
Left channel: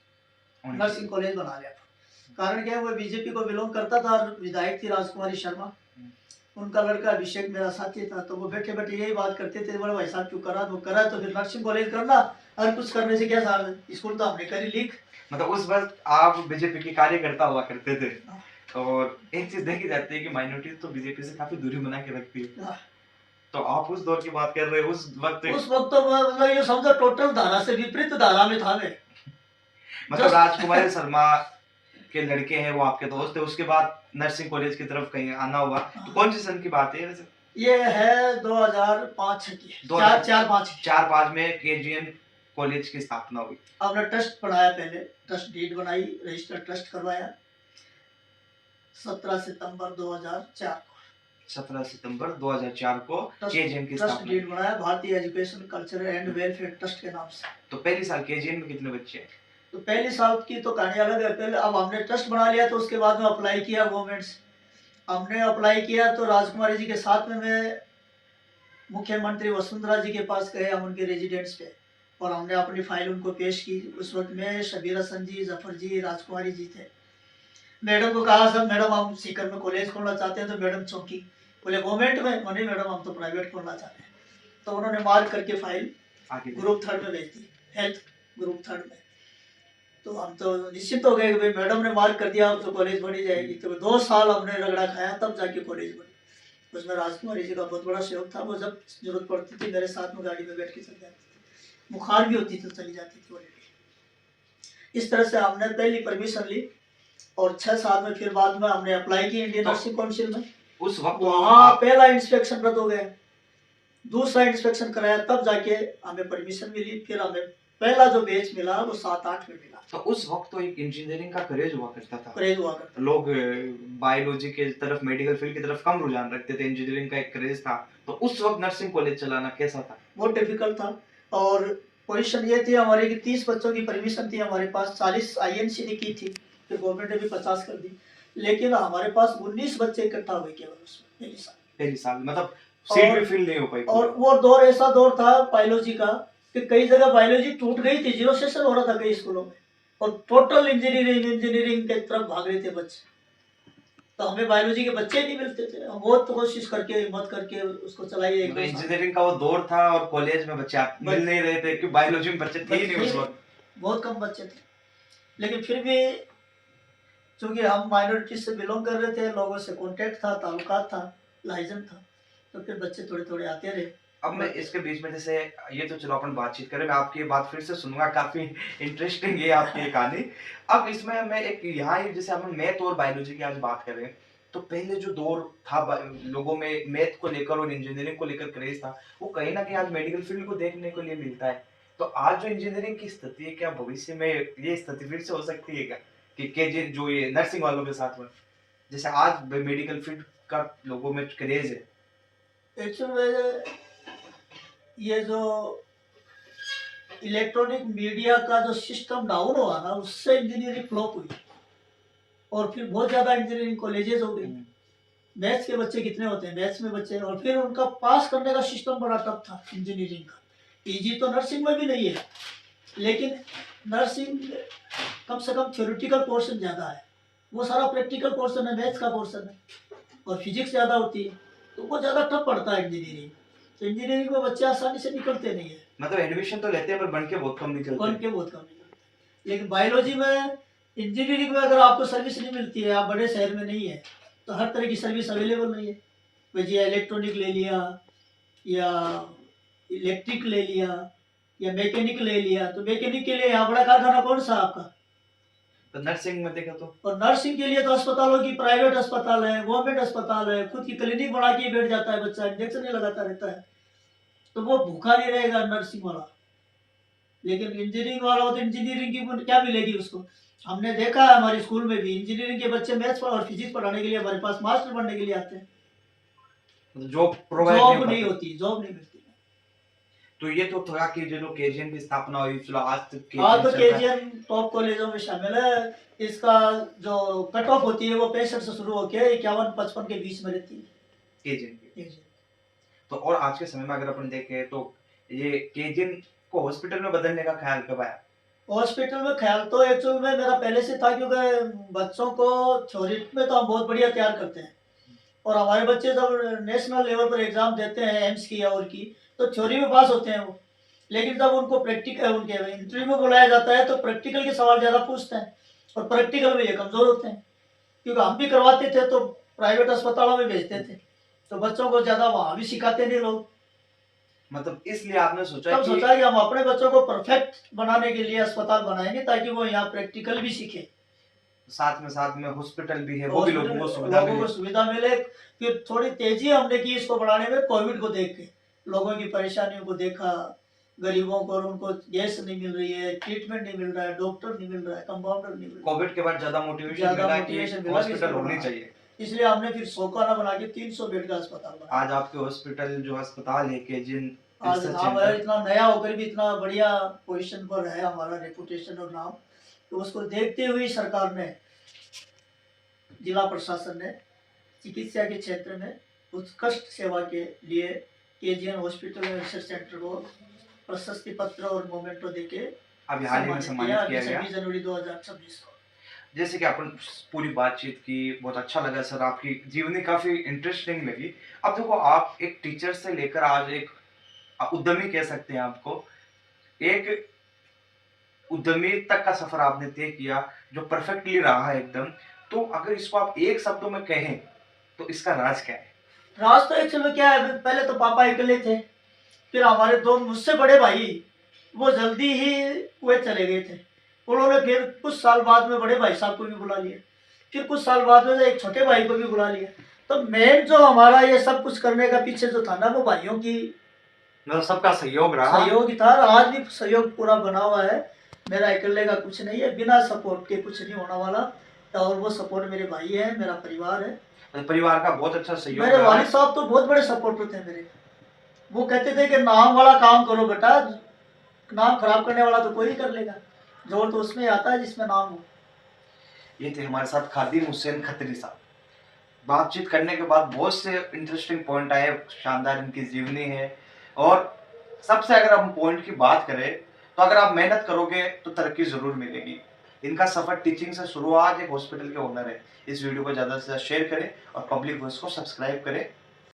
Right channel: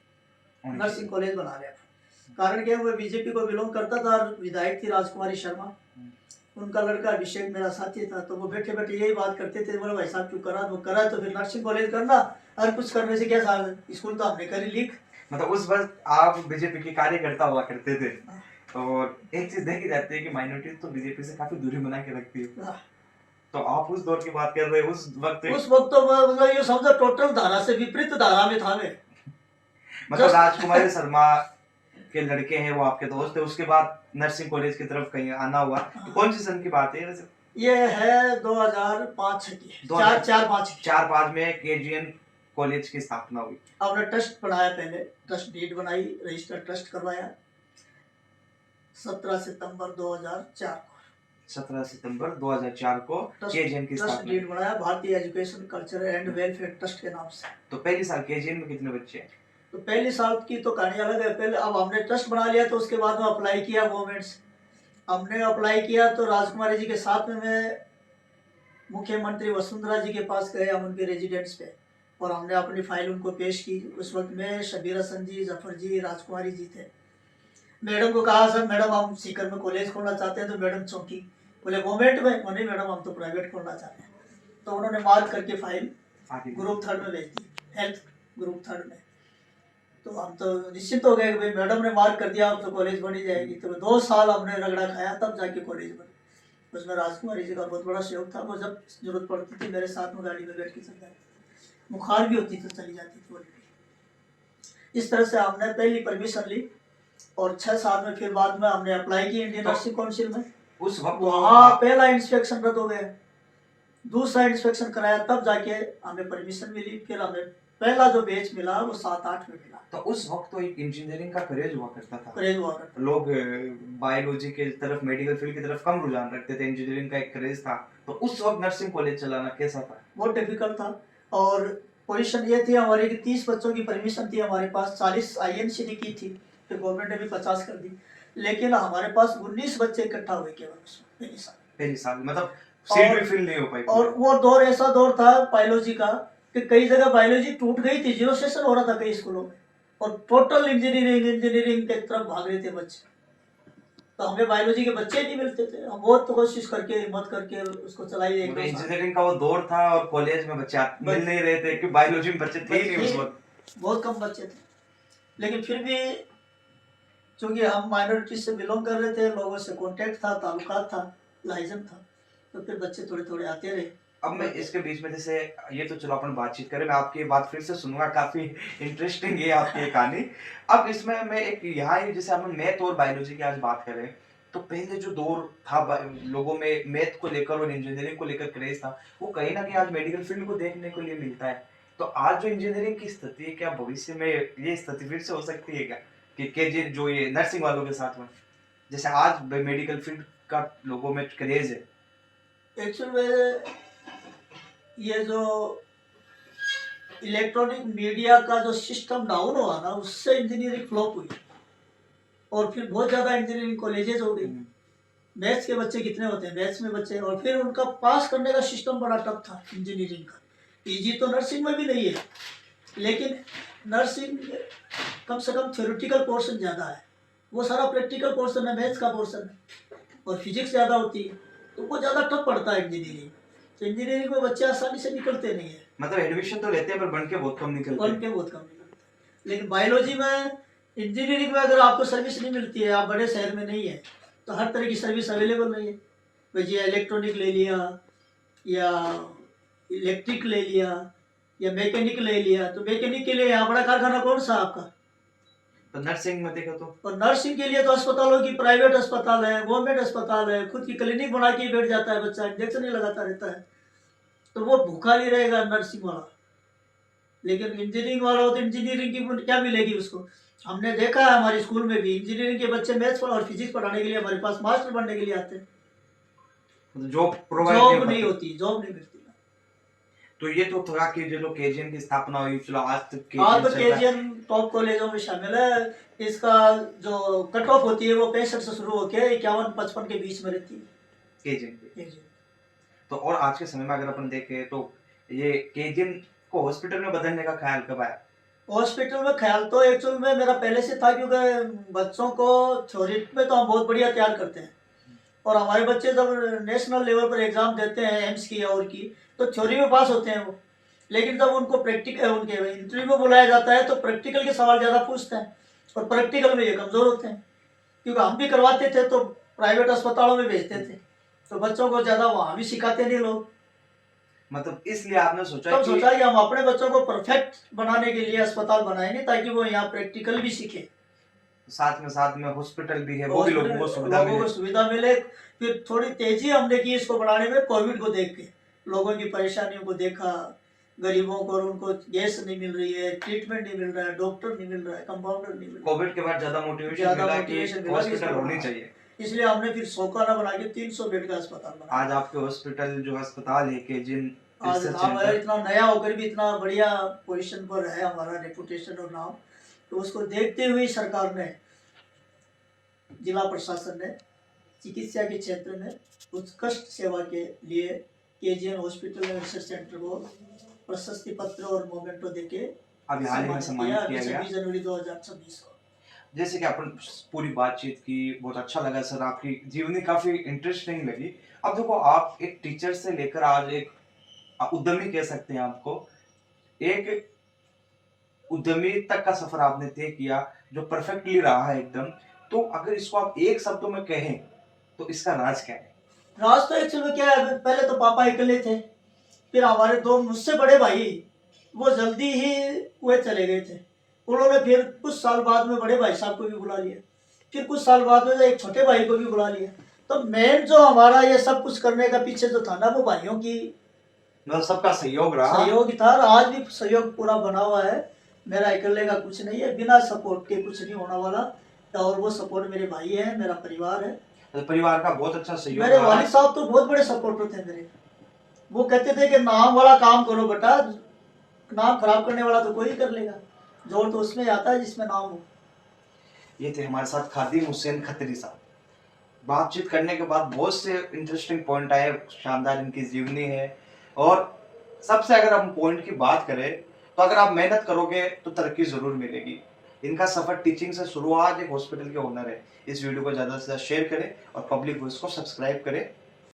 नर्सिंग कॉलेज बना लिया। कारण क्या है, वो बीजेपी को बिलोंग करता था, और विधायक थी राजकुमारी शर्मा, उनका लड़का अभिषेक मेरा साथी था। तो वो बैठे बैठे यही बात करते थे, बोले भाई साहब क्यों करा, वो करा तो फिर नर्सिंग कॉलेज करना, और कुछ करने से क्या साल, स्कूल तो हमने करी लीक। मतलब उस वक्त आप बीजेपी के कार्यकर्ता हुआ करते थे, और एक चीज देखी जाती है कि माइनॉरिटी तो बीजेपी से काफी दूरी बना के रखती है। तो आप उस दौर की बात कर रहे हो, उस वक्त उस वक्त तो मतलब ये समझो टोटल धारा से विपरीत धारा में था मैं। मतलब जस्ट राजकुमारी शर्मा के लड़के हैं वो आपके दोस्त है, उसके बाद नर्सिंग कॉलेज की तरफ कहीं आना हुआ, तो कौन सी सन की बात है वैसे? ये है 2005 की, 4-5 की। 4-5 में केजीएन कॉलेज की स्थापना हुई। हमने ट्रस्ट बनाया, पहले ट्रस्ट डीड बनाई, रजिस्टर्ड ट्रस्ट करवाया 17 सितंबर 2004 को। 17 सितंबर 2004 को केजीएन की ट्रस्ट स्थापना डीड बनाया भारतीय education culture and welfare trust के नाम से। तो पहली साल केजीएन में कितने बच्चे हैं? तो पहली साल की तो कहानी अलग है। पहले अब हमने ट्रस्ट बना लिया तो उसके बाद में अप्लाई किया गवर्नमेंट से। हमने अप्लाई किया तो राजकुमारी जी के साथ में मैं मुख्यमंत्री वसुंधरा जी के पास गए, हम उनके रेजिडेंट्स पे, और हमने अपनी फाइल उनको पेश की। उस वक्त में शबीर हसन जी, जफर जी, राजकुमारी जी थे। मैडम को कहा, सर मैडम हम सीकर में कॉलेज खोलना चाहते हैं। तो मैडम चौंकी, बोले गवर्नमेंट में? नहीं मैडम हम तो प्राइवेट खोलना चाहते हैं। तो उन्होंने मार्क करके फाइल ग्रुप 3 में भेज दी, हेल्थ ग्रुप 3 में। तो हम तो निश्चित हो गए कि भाई मैडम ने मार्क कर दिया, अब तो कॉलेज बनी जाएगी। तो 2 साल हमने रगड़ा खाया तब जाके कॉलेज बनी। उसमें राजकुमारी जी का बहुत बड़ा सहयोग था। वो जब जरूरत पड़ती थी मेरे साथ में गाड़ी में बैठ के चल जाती, बुखार भी होती तो चली जाती थी ऑलरेडी। इस तरह से हमने पहली परमिशन ली और 6 साल में फिर बाद में हमने अप्लाई की इंडियन नर्सिंग काउंसिल में। उस वक्त वहाँ पहला इंस्पेक्शन रद्द हो गया, दूसरा इंस्पेक्शन कराया तब जाके हमें परमिशन मिली। फिर हमें पहला जो बैच मिला वो 7-8 में मिला। तो उस वक्त तो एक इंजीनियरिंग का क्रेज हुआ करता था, क्रेज हुआ करता, लोग बायोलॉजी के तरफ, मेडिकल फील्ड की तरफ कम रुझान रखते थे, इंजीनियरिंग का एक क्रेज था। तो उस वक्त नर्सिंग कॉलेज चलाना कैसा था? बहुत डिफिकल्ट था। और पोजीशन ये थी हमारी कि 30 बच्चों की परमिशन थी हमारे पास, 40 आईएनसी ने की थी, फिर गवर्नमेंट ने भी 50 कर दी। लेकिन हमारे पास 19 बच्चे इकट्ठा हुए केवल उसमें पहली साल मतलब सीट भी फिल नहीं हो पाई। और वो दौर ऐसा दौर था बायोलॉजी का कि कई जगह बायोलॉजी टूट गई थी, 0 सेशन हो रहा था कई स्कूलों में, और टोटल इंजीनियरिंग के तरफ भाग रहे थे बच्चे। तो हमें बायोलॉजी के बच्चे नहीं मिलते थे। हम बहुत कोशिश करके, हिम्मत करके उसको चलाई। मतलब इंजीनियरिंग का वो दौर था और कॉलेज में बच्चे मिल नहीं रहे थे, क्योंकि बायोलॉजी में बच्चे थे ही नहीं उस वक्त, बहुत कम बच्चे थे। लेकिन फिर भी चूंकि हम माइनॉरिटी से बिलोंग कर रहे थे, लोगों से कॉन्टेक्ट था, ताल्लुकात था, लाइजन था, तो फिर बच्चे थोड़े थोड़े आते रहे। अब मैं इसके बीच में, जैसे ये तो चलो अपन बातचीत करें, मैं आपकी ये बात फिर से सुनूंगा, काफी इंटरेस्टिंग है आपकी ये कहानी। अब इसमें मैं एक यहाँ जैसे हम मैथ और बायोलॉजी की आज बात करें, तो पहले जो दौर था लोगों में मैथ को लेकर और इंजीनियरिंग को लेकर क्रेज था, वो कहीं ना कहीं आज मेडिकल फील्ड को देखने को लिए मिलता है। तो आज जो इंजीनियरिंग की स्थिति है, क्या भविष्य में ये स्थिति फिर से हो सकती है क्या, कि केजी जो ये नर्सिंग वालों के साथ में, जैसे आज मेडिकल फील्ड का लोगों में क्रेज है? एक्चुअली ये जो इलेक्ट्रॉनिक मीडिया का जो सिस्टम डाउन हुआ ना, उससे इंजीनियरिंग फ्लॉप हुई और फिर बहुत ज़्यादा इंजीनियरिंग कॉलेजेस हो गई। मैथ्स के बच्चे कितने होते हैं, मैथ्स में बच्चे, और फिर उनका पास करने का सिस्टम बड़ा टफ था इंजीनियरिंग का। इजी तो नर्सिंग में भी नहीं है, लेकिन नर्सिंग कम से कम थ्योरेटिकल पोर्शन ज़्यादा है, वो सारा प्रैक्टिकल पोर्शन है, मैथ्स का पोर्शन है, और फिजिक्स ज़्यादा होती है, तो वो ज़्यादा टफ पड़ता है इंजीनियरिंग। तो इंजीनियरिंग में बच्चे आसानी से निकलते नहीं है, मतलब एडमिशन तो लेते हैं पर बन के बहुत कम निकलते हैं। लेकिन बायोलॉजी में, इंजीनियरिंग में अगर आपको सर्विस नहीं मिलती है, आप बड़े शहर में नहीं है, तो हर तरह की सर्विस अवेलेबल नहीं है। भाई इलेक्ट्रॉनिक ले लिया या इलेक्ट्रिक ले लिया या मैकेनिक ले लिया, तो मैकेनिक के लिए यहाँ बड़ा कारखाना कौन सा आपका? तो नर्सिंग में देखा तो, और नर्सिंग के लिए तो अस्पतालों की, प्राइवेट अस्पताल है, गवर्नमेंट अस्पताल है, खुद की क्लिनिक बना के बैठ जाता है बच्चा, इंजेक्शन ही लगाता रहता है, तो वो भूखा नहीं रहेगा नर्सिंग वाला। लेकिन इंजीनियरिंग वाला हो तो इंजीनियरिंग की क्या मिलेगी उसको? हमने देखा है हमारे स्कूल में भी इंजीनियरिंग के बच्चे मैथ्स और फिजिक्स पढ़ाने के लिए हमारे पास मास्टर बनने के लिए आते हैं, जॉब प्रोवाइड नहीं होती, जॉब नहीं मिलती। तो ये तो था कि जो केजीएन की स्थापना हुई, चलो आज तक हाँ, तो केजीएन टॉप कॉलेजों में शामिल है। इसका जो कट ऑफ होती है वो 65 से शुरू होकर 51-55 के बीच में रहती है केजीएन। तो और आज के समय में अगर अपन देखें तो ये केजीएन को हॉस्पिटल में बदलने का ख्याल कब आया? हॉस्पिटल में ख्याल तो एक्चुअल में मेरा पहले से था, क्योंकि बच्चों को थ्योरी में तो हम बहुत बढ़िया तैयार करते हैं, और हमारे बच्चे जब नेशनल लेवल पर एग्जाम देते हैं एम्स की और की, तो थ्योरी में पास होते हैं वो, लेकिन जब उनको प्रैक्टिकल, उनके इंटरव्यू में बुलाया जाता है तो प्रैक्टिकल के सवाल ज़्यादा पूछते हैं, और प्रैक्टिकल में ये कमज़ोर होते हैं। क्योंकि हम भी करवाते थे तो प्राइवेट अस्पतालों में भेजते थे, तो बच्चों को ज्यादा वहां भी सिखाते नहीं लोग। मतलब इसलिए आपने सोचा तब कि सोचा कि हम अपने बच्चों को परफेक्ट बनाने के लिए अस्पताल बनाएंगे ताकि वो यहाँ प्रैक्टिकल भी सीखे, साथ में हॉस्पिटल भी है, वो भी लोगों को सुविधा लोगों को मिले। सुविधा मिले। फिर थोड़ी तेजी हमने की इसको बढ़ाने में, कोविड को देख के लोगों की परेशानियों को देखा, गरीबों को, और उनको गैस नहीं मिल रही है, ट्रीटमेंट नहीं मिल रहा है, डॉक्टर नहीं मिल रहा है, कंपाउंडर नहीं मिल रहा है। कोविड के बाद ज्यादा मोटिवेशन ज्यादा मिला कि मोटिवेशन मिला कि हॉस्पिटल इसको होनी बढ़ाना। चाहिए। इसलिए हमने फिर 100 खाना बना के 300 बेड का अस्पताल बनाया। आज आपके हॉस्पिटल जो अस्पताल है केजीएन आज रिसर्च नाम है, सेंटर, इतना नया होकर भी इतना बढ़िया पोजीशन पर है हमारा रेपुटेशन और नाम। तो उसको देखते हुए सरकार ने, जिला प्रशासन ने चिकित्सा के क्षेत्र में उत्कृष्ट सेवा के लिए KGN hospital and research centre को प्रशस्ति पत्र और मोमेंटो देके अभी हाल ही में सम्मानित किया गया। 26 जनवरी 2026 को। जैसे कि अपन पूरी बातचीत की, बहुत अच्छा लगा सर, आपकी जीवनी काफी इंटरेस्टिंग लगी। अब देखो, आप एक टीचर से लेकर आज एक उद्यमी कह सकते हैं आपको, एक उद्यमी तक का सफर आपने तय किया जो परफेक्टली रहा है एकदम। तो अगर इसको आप एक शब्दों में कहें तो इसका राज क्या है? राज तो एक्चुअल में क्या है, पहले तो पापा अकेले थे, फिर हमारे दो मुझसे बड़े भाई वो जल्दी ही कुवैत चले गए थे। उन्होंने फिर कुछ साल बाद में बड़े भाई साहब को भी बुला लिया, फिर कुछ साल बाद में एक छोटे भाई को भी बुला लिया। तो मेन जो हमारा ये सब कुछ करने का पीछे जो था ना, वो भाइयों की मतलब सबका सहयोग रहा। सहयोग ही था, और आज भी सहयोग पूरा बना हुआ है। मेरा अकेले का कुछ नहीं है, बिना सपोर्ट के कुछ नहीं होने वाला। और वो सपोर्ट मेरे भाई है, मेरा परिवार है। मतलब परिवार का बहुत अच्छा सहयोग मेरे रहा। वालिद साहब तो बहुत बड़े सपोर्टर थे मेरे। वो कहते थे कि नाम वाला काम करो बेटा, नाम खराब करने वाला तो कोई ही कर लेगा, जोर तो उसमें आता है जिसमें नाम हो। ये थे हमारे साथ खादिम हुसैन खत्री साहब। बातचीत करने के बाद बहुत से इंटरेस्टिंग पॉइंट आए, शानदार इनकी जीवनी है। और सबसे अगर हम पॉइंट की बात करें तो अगर आप मेहनत करोगे तो तरक्की जरूर मिलेगी। इनका सफर टीचिंग से शुरू हुआ, आज एक हॉस्पिटल के ओनर है। इस वीडियो को ज़्यादा से ज़्यादा शेयर करें और पब्लिक वॉइस को सब्सक्राइब करें।